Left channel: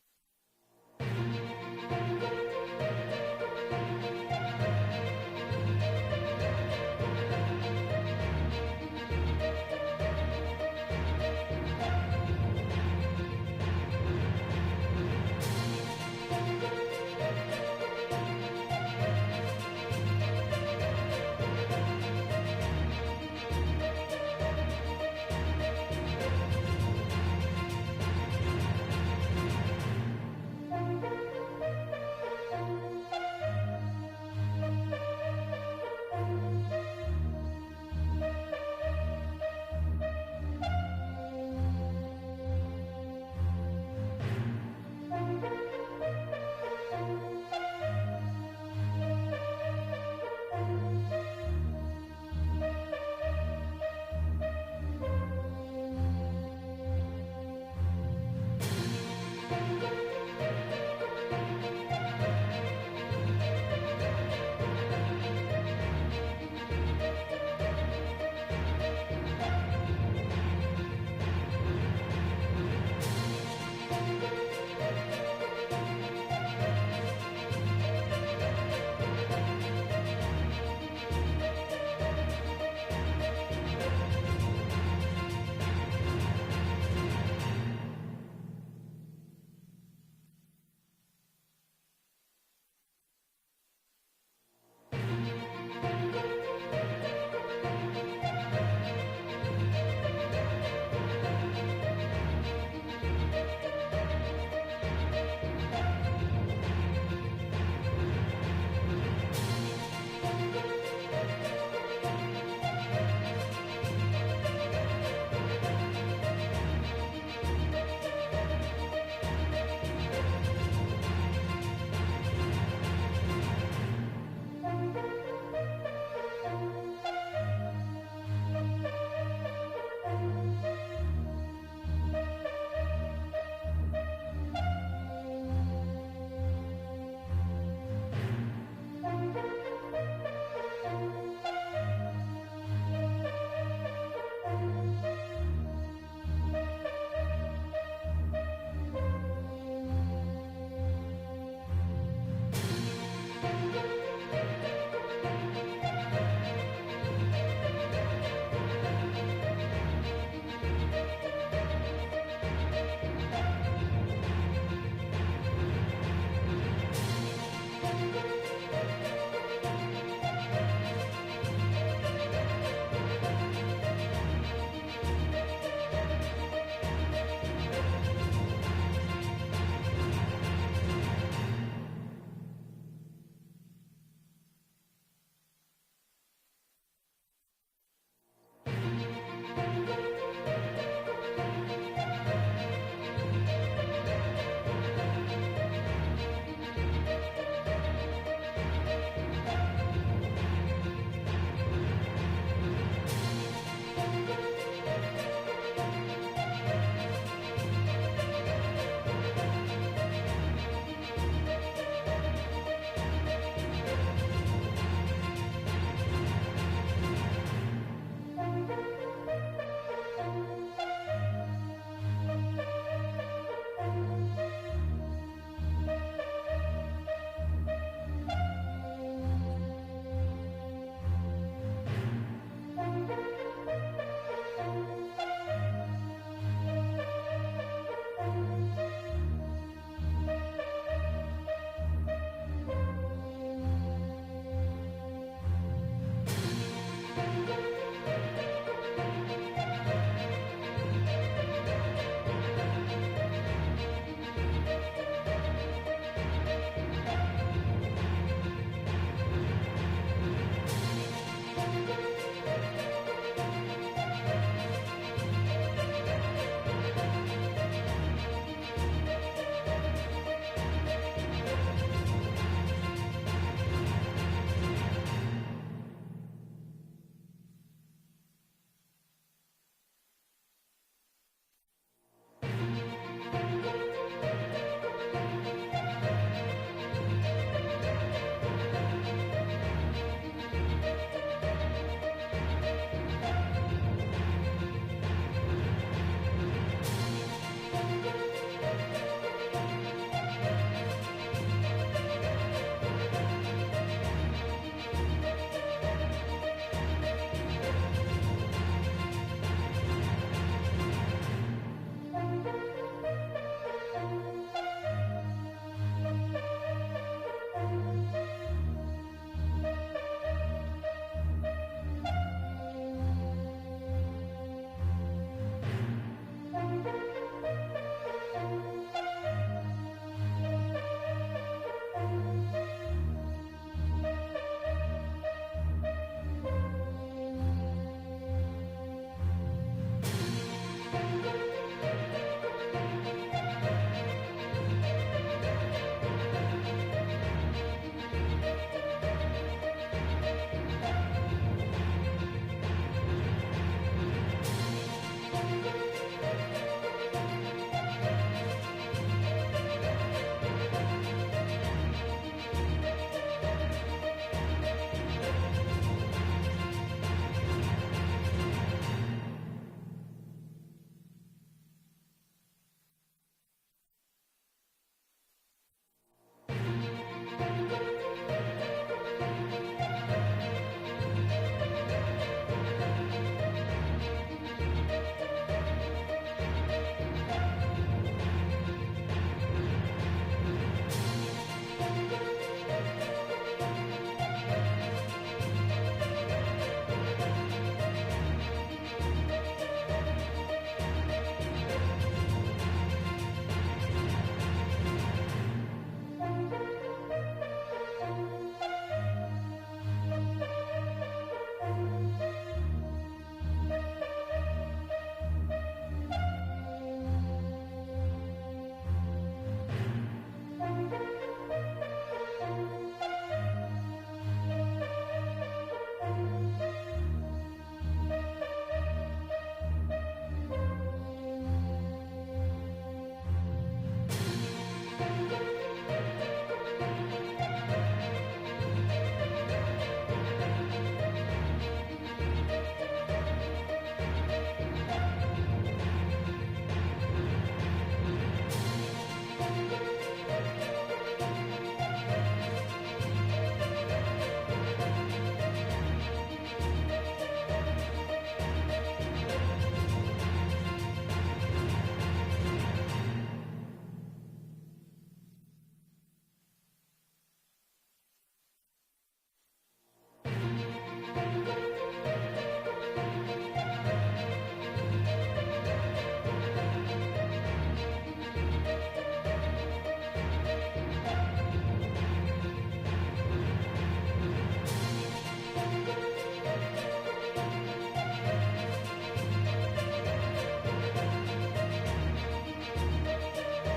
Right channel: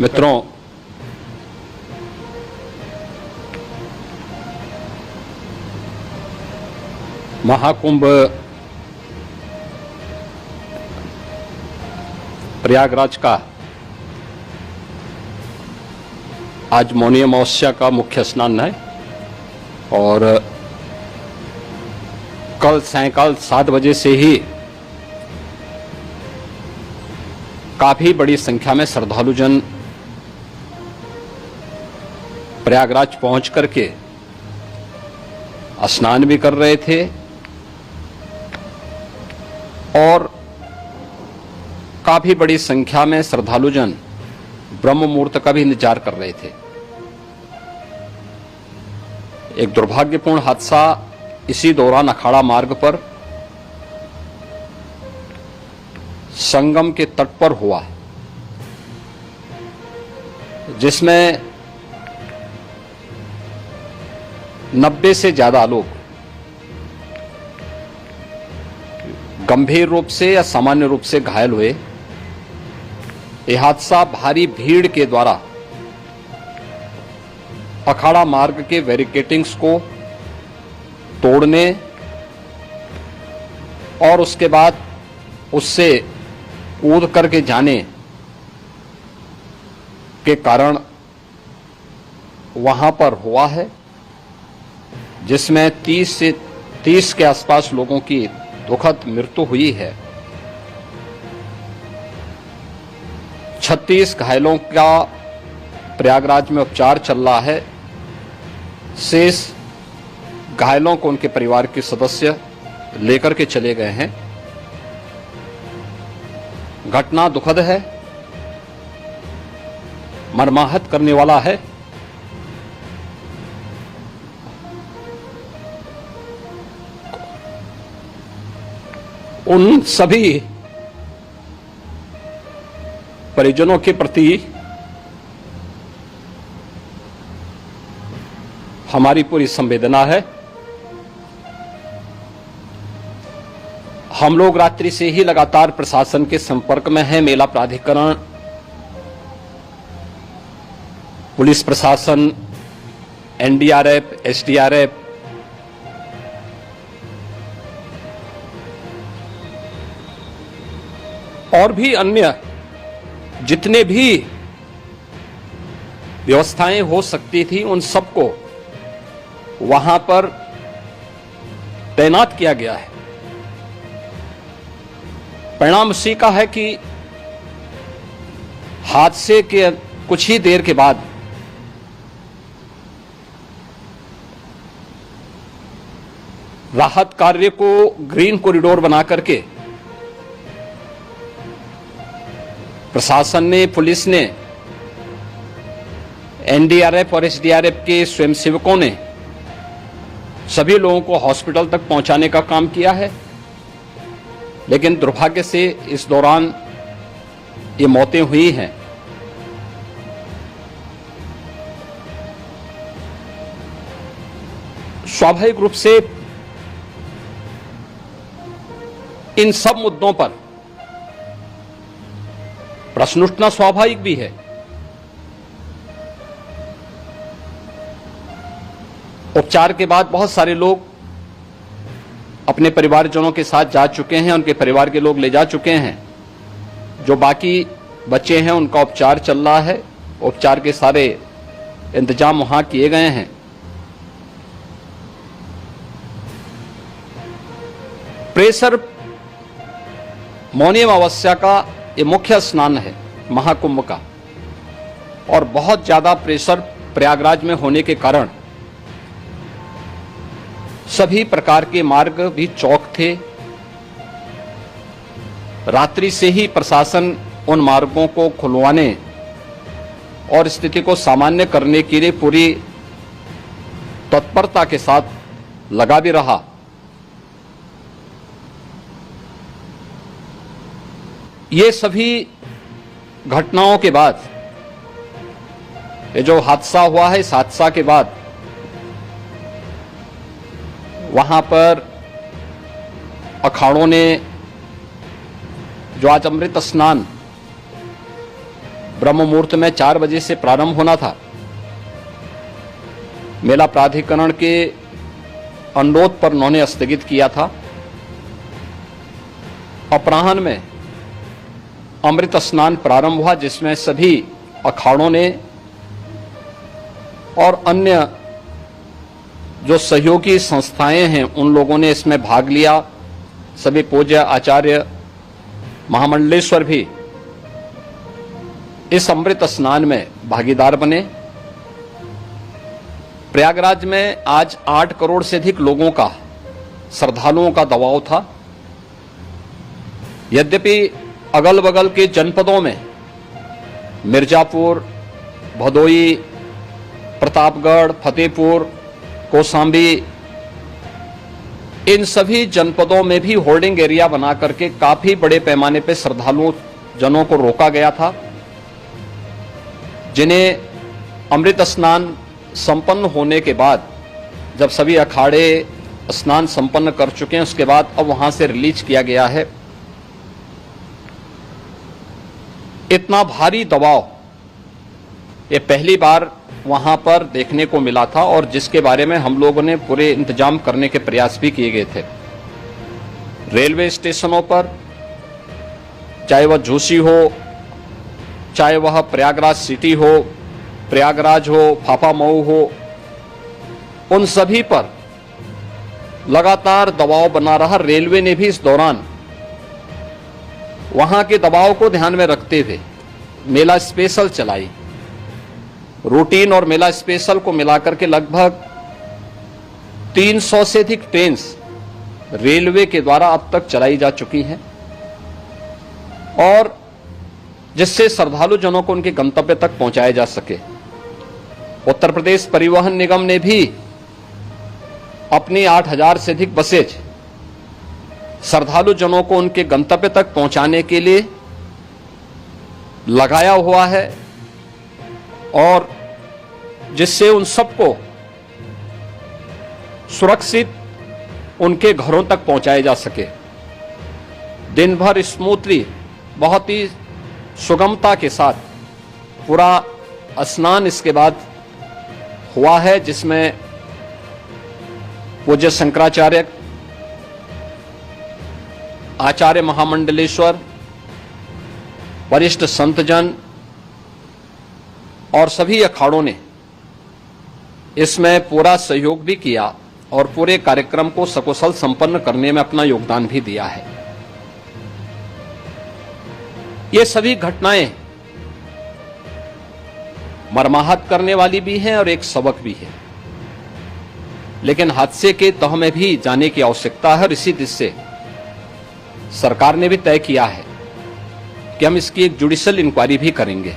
मित्रों, महाकुंभ प्रयागराज का आज मौनी अमावस्या का मुख्य स्नान है और कल सायंकाल 7 बजे से ही काफी बड़ी संख्या में श्रद्धालुजन प्रयागराज पहुंच करके स्नान भी कर रहे थे और काफी बड़ी संख्या में श्रद्धालुजन ब्रह्म मुहूर्त का भी इंतजार कर रहे थे। एक दुर्भाग्यपूर्ण हादसा इसी दौरान अखाड़ा मार्ग पर संगम के तट पर हुआ, जिसमें 90 से ज्यादा लोग गंभीर रूप से या सामान्य रूप से घायल हुए। यह हादसा भारी भीड़ के द्वारा अखाड़ा मार्ग के बैरिकेडिंग्स को तोड़ने और उसके बाद उससे कूद करके जाने के कारण वहां पर हुआ है, जिसमें 30 के आसपास लोगों की दुखद मृत्यु हुई है। 36 घायलों का प्रयागराज में उपचार चल रहा है। शेष घायलों को उनके परिवार के सदस्य लेकर के चले गए हैं। घटना दुखद है, मर्माहत करने वाला है। उन सभी परिजनों के प्रति हमारी पूरी संवेदना है। हम लोग रात्रि से ही लगातार प्रशासन के संपर्क में हैं। मेला प्राधिकरण, पुलिस प्रशासन, एनडीआरएफ, एसडीआरएफ, और भी अन्य जितने भी व्यवस्थाएं हो सकती थी उन सबको वहां पर तैनात किया गया है। परिणाम उसी का है कि हादसे के कुछ ही देर के बाद राहत कार्य को ग्रीन कॉरिडोर बना करके प्रशासन ने, पुलिस ने, एनडीआरएफ और एसडीआरएफ के स्वयंसेवकों ने सभी लोगों को हॉस्पिटल तक पहुंचाने का काम किया है। लेकिन दुर्भाग्य से इस दौरान ये मौतें हुई हैं। स्वाभाविक रूप से इन सब मुद्दों पर प्रश्न उठना स्वाभाविक भी है। उपचार के बाद बहुत सारे लोग अपने परिवारजनों के साथ जा चुके हैं, उनके परिवार के लोग ले जा चुके हैं। जो बाकी बच्चे हैं उनका उपचार चल रहा है। उपचार के सारे इंतजाम वहां किए गए हैं। प्रेशर मौनी अमावस्या का ये मुख्य स्नान है महाकुंभ का, और बहुत ज्यादा प्रेशर प्रयागराज में होने के कारण सभी प्रकार के मार्ग भी चौक थे। रात्रि से ही प्रशासन उन मार्गों को खुलवाने और स्थिति को सामान्य करने के लिए पूरी तत्परता के साथ लगा भी रहा। ये सभी घटनाओं के बाद, ये जो हादसा हुआ है, इस हादसा के बाद वहां पर अखाड़ों ने जो आज अमृत स्नान ब्रह्म मुहूर्त में 4 बजे से प्रारंभ होना था। मेला प्राधिकरण के अनुरोध पर उन्होंने स्थगित किया था। अपराह्न में अमृत स्नान प्रारंभ हुआ, जिसमें सभी अखाड़ों ने और अन्य जो सहयोगी संस्थाएं हैं उन लोगों ने इसमें भाग लिया। सभी पूज्य आचार्य महामंडलेश्वर भी इस अमृत स्नान में भागीदार बने। प्रयागराज में आज 8 करोड़ से अधिक लोगों का, श्रद्धालुओं का दबाव था। यद्यपि अगल बगल के जनपदों में मिर्जापुर, भदोई, प्रतापगढ़, फतेहपुर, कौशाम्बी, इन सभी जनपदों में भी होल्डिंग एरिया बना करके काफी बड़े पैमाने पर श्रद्धालुओं जनों को रोका गया था, जिन्हें अमृत स्नान संपन्न होने के बाद, जब सभी अखाड़े स्नान संपन्न कर चुके हैं, उसके बाद अब वहां से रिलीज किया गया है। इतना भारी दबाव ये पहली बार वहां पर देखने को मिला था, और जिसके बारे में हम लोगों ने पूरे इंतजाम करने के प्रयास भी किए गए थे। रेलवे स्टेशनों पर, चाहे वह झूसी हो, चाहे वह प्रयागराज सिटी हो, प्रयागराज हो, फाफामऊ हो, उन सभी पर लगातार दबाव बना रहा। रेलवे ने भी इस दौरान वहां के दबाव को ध्यान में रखते हुए मेला स्पेशल चलाई। रूटीन और मेला स्पेशल को मिलाकर के लगभग 300 से अधिक ट्रेन रेलवे के द्वारा अब तक चलाई जा चुकी हैं, और जिससे श्रद्धालु जनों को उनके गंतव्य तक पहुंचाया जा सके। उत्तर प्रदेश परिवहन निगम ने भी अपनी 8000 से अधिक बसेज श्रद्धालु जनों को उनके गंतव्य तक पहुंचाने के लिए लगाया हुआ है, और जिससे उन सबको सुरक्षित उनके घरों तक पहुंचाया जा सके। दिन भर स्मूथली, बहुत ही सुगमता के साथ पूरा स्नान इसके बाद हुआ है, जिसमें पूज्य शंकराचार्य, आचार्य महामंडलेश्वर, वरिष्ठ संतजन और सभी अखाड़ों ने इसमें पूरा सहयोग भी किया और पूरे कार्यक्रम को सकुशल संपन्न करने में अपना योगदान भी दिया है। ये सभी घटनाएं मर्माहत करने वाली भी हैं और एक सबक भी है, लेकिन हादसे के तह में भी जाने की आवश्यकता है, और इसी दिशा से सरकार ने भी तय किया है कि हम इसकी एक जुडिशियल इंक्वायरी भी करेंगे,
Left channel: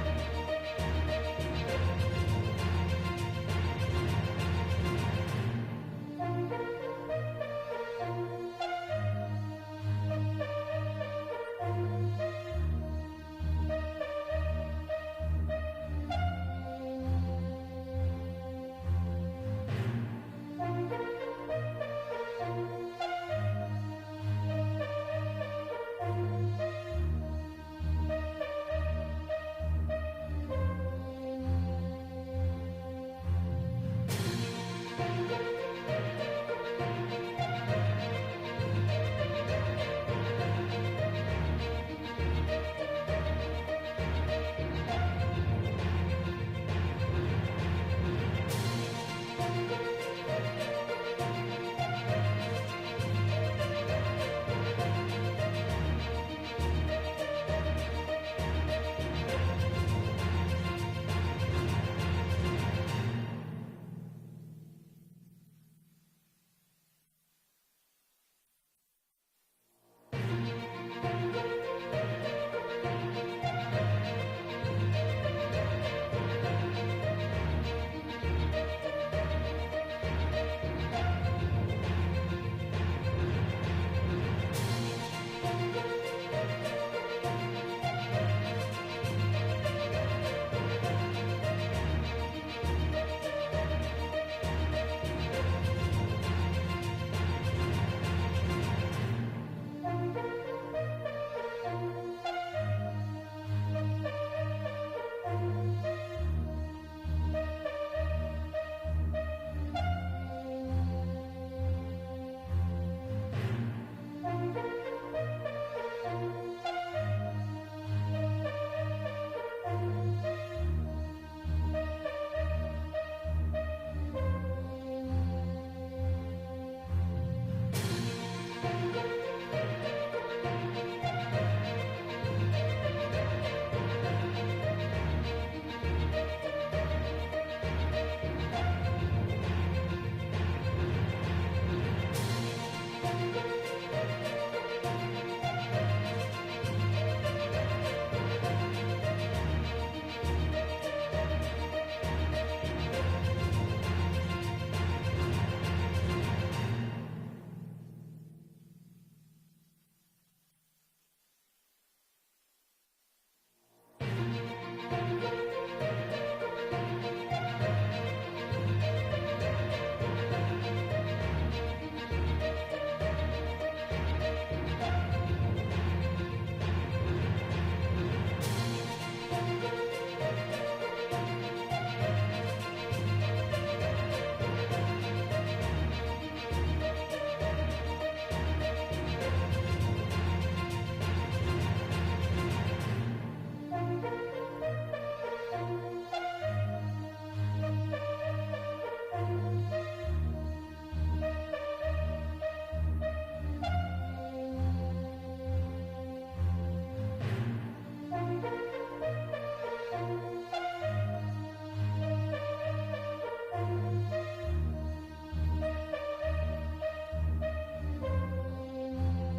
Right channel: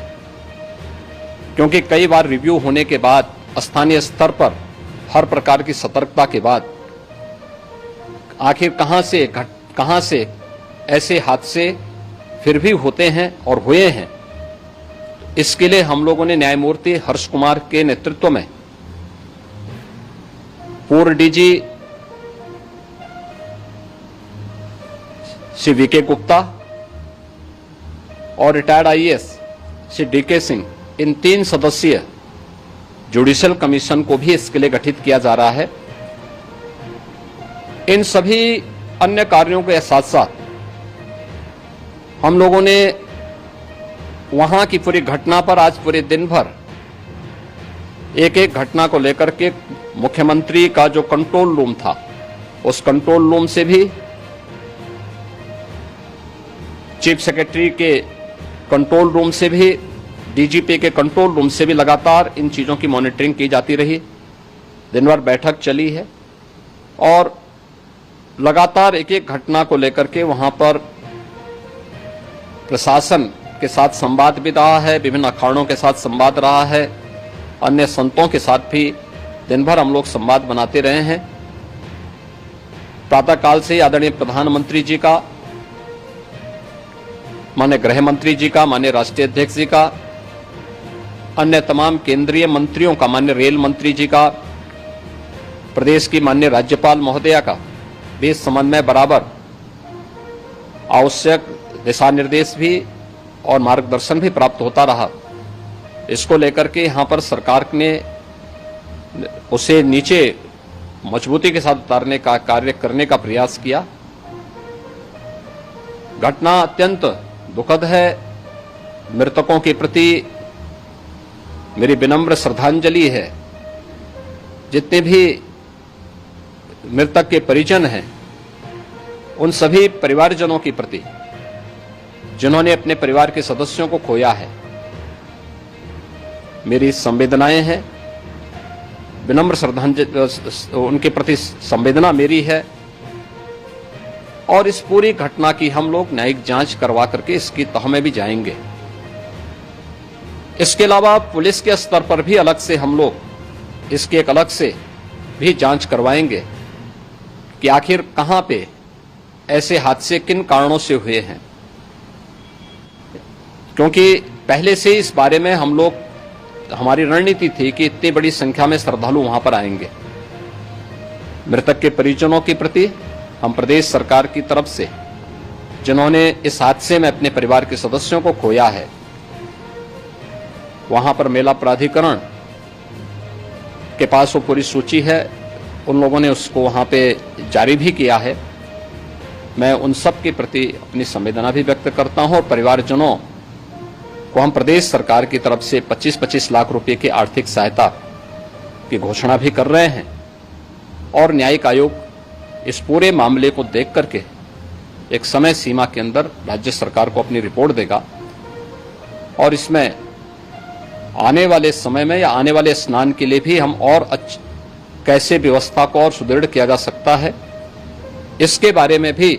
क्योंकि कई बार रिव्यू होने के बाद स्थानीय स्तर पर हर प्रकार की सतर्कता के बाद आखिर कहां से ऐसे हादसे फिर भी होते हैं और हुए हैं। इसके लिए हम लोगों ने न्यायमूर्ति हर्ष कुमार के नेतृत्व में पूर्व डीजी श्री वीके गुप्ता और retired IAS Shri DK Singh, इन 3 सदस्यीय जुडिशियल कमीशन को भी इसके लिए गठित किया जा रहा है। इन सभी अन्य कार्यों के साथ साथ हम लोगों ने वहां की पूरी घटना पर आज पूरे दिन भर एक एक घटना को लेकर के मुख्यमंत्री का जो कंट्रोल रूम था, उस कंट्रोल रूम से भी, चीफ सेक्रेटरी के कंट्रोल रूम से भी, डीजीपी के कंट्रोल रूम से भी लगातार इन चीजों की मॉनिटरिंग की जाती रही। दिन भर बैठक चली है और लगातार एक एक घटना को लेकर के वहां पर प्रशासन के साथ संवाद भी रहा है, विभिन्न अखाड़ों के साथ संवाद रहा है, अन्य संतों के साथ भी दिन भर हम लोग संवाद बनाते रहे हैं। प्रातः काल से आदरणीय प्रधानमंत्री जी का, माननीय गृह मंत्री जी का, माननीय राष्ट्रीय अध्यक्ष जी का, अन्य तमाम केंद्रीय मंत्रियों का, माननीय रेल मंत्री जी का, प्रदेश की माननीय राज्यपाल महोदया का भी इस संबंध में बराबर आवश्यक दिशा निर्देश भी और मार्गदर्शन भी प्राप्त होता रहा। इसको लेकर के यहाँ पर सरकार ने उसे नीचे मजबूती के साथ उतारने का कार्य करने का प्रयास किया। घटना अत्यंत दुखद है। मृतकों के प्रति मेरी विनम्र श्रद्धांजलि है। जितने भी मृतक के परिजन हैं, उन सभी परिवारजनों के प्रति जिन्होंने अपने परिवार के सदस्यों को खोया है, मेरी संवेदनाएं हैं। विनम्र श्रद्धांजलि उनके प्रति संवेदना मेरी है। और इस पूरी घटना की हम लोग न्यायिक जांच करवा करके इसकी तह में भी जाएंगे। इसके अलावा पुलिस के स्तर पर भी अलग से हम लोग इसकी एक अलग से भी जांच करवाएंगे कि आखिर कहां पे ऐसे हादसे किन कारणों से हुए हैं, क्योंकि पहले से इस बारे में हम लोग, हमारी रणनीति थी कि इतनी बड़ी संख्या में श्रद्धालु वहां पर आएंगे। मृतक के परिजनों के प्रति हम प्रदेश सरकार की तरफ से, जिन्होंने इस हादसे में अपने परिवार के सदस्यों को खोया है, वहां पर मेला प्राधिकरण के पास वो पूरी सूची है, उन लोगों ने उसको वहां पे जारी भी किया है। मैं उन सब के प्रति अपनी संवेदना भी व्यक्त करता हूं और परिवारजनों को हम प्रदेश सरकार की तरफ से 25-25 लाख रुपए की आर्थिक सहायता की घोषणा भी कर रहे हैं। और न्यायिक आयोग इस पूरे मामले को देख करके एक समय सीमा के अंदर राज्य सरकार को अपनी रिपोर्ट देगा और इसमें आने वाले समय में या आने वाले स्नान के लिए भी हम और कैसे व्यवस्था को और सुदृढ़ किया जा सकता है, इसके बारे में भी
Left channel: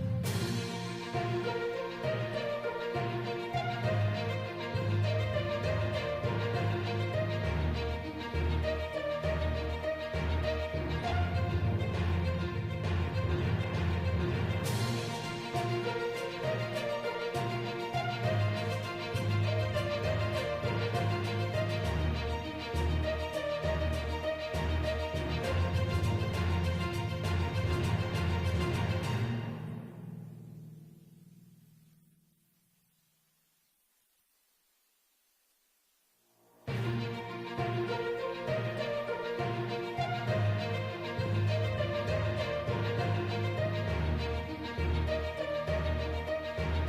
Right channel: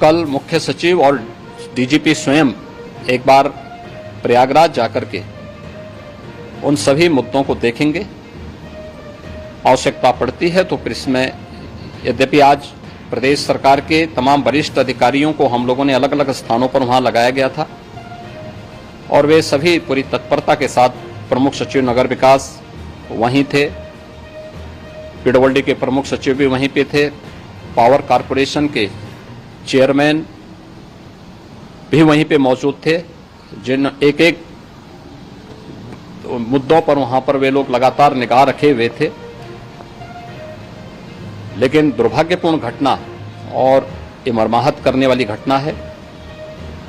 कल मुख्य सचिव और डीजीपी स्वयं एक बार प्रयागराज जाकर के उन सभी मुद्दों को देखेंगे। आवश्यकता पड़ती है तो फिर इसमें, यद्यपि आज प्रदेश सरकार के तमाम वरिष्ठ अधिकारियों को हम लोगों ने अलग अलग स्थानों पर वहां लगाया गया था और वे सभी पूरी तत्परता के साथ, प्रमुख सचिव नगर विकास वहीं थे, पीडब्ल्यूडी के प्रमुख सचिव भी वहीं पे थे, पावर कारपोरेशन के चेयरमैन भी वहीं पे मौजूद थे, जिन एक एक मुद्दों पर वहां पर वे लोग लगातार निगाह रखे हुए थे। लेकिन दुर्भाग्यपूर्ण घटना और ये मर्माहत करने वाली घटना है।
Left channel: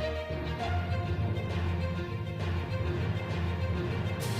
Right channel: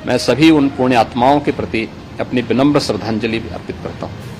मैं सभी उन पुण्य आत्माओं के प्रति अपनी विनम्र श्रद्धांजलि अर्पित करता हूं।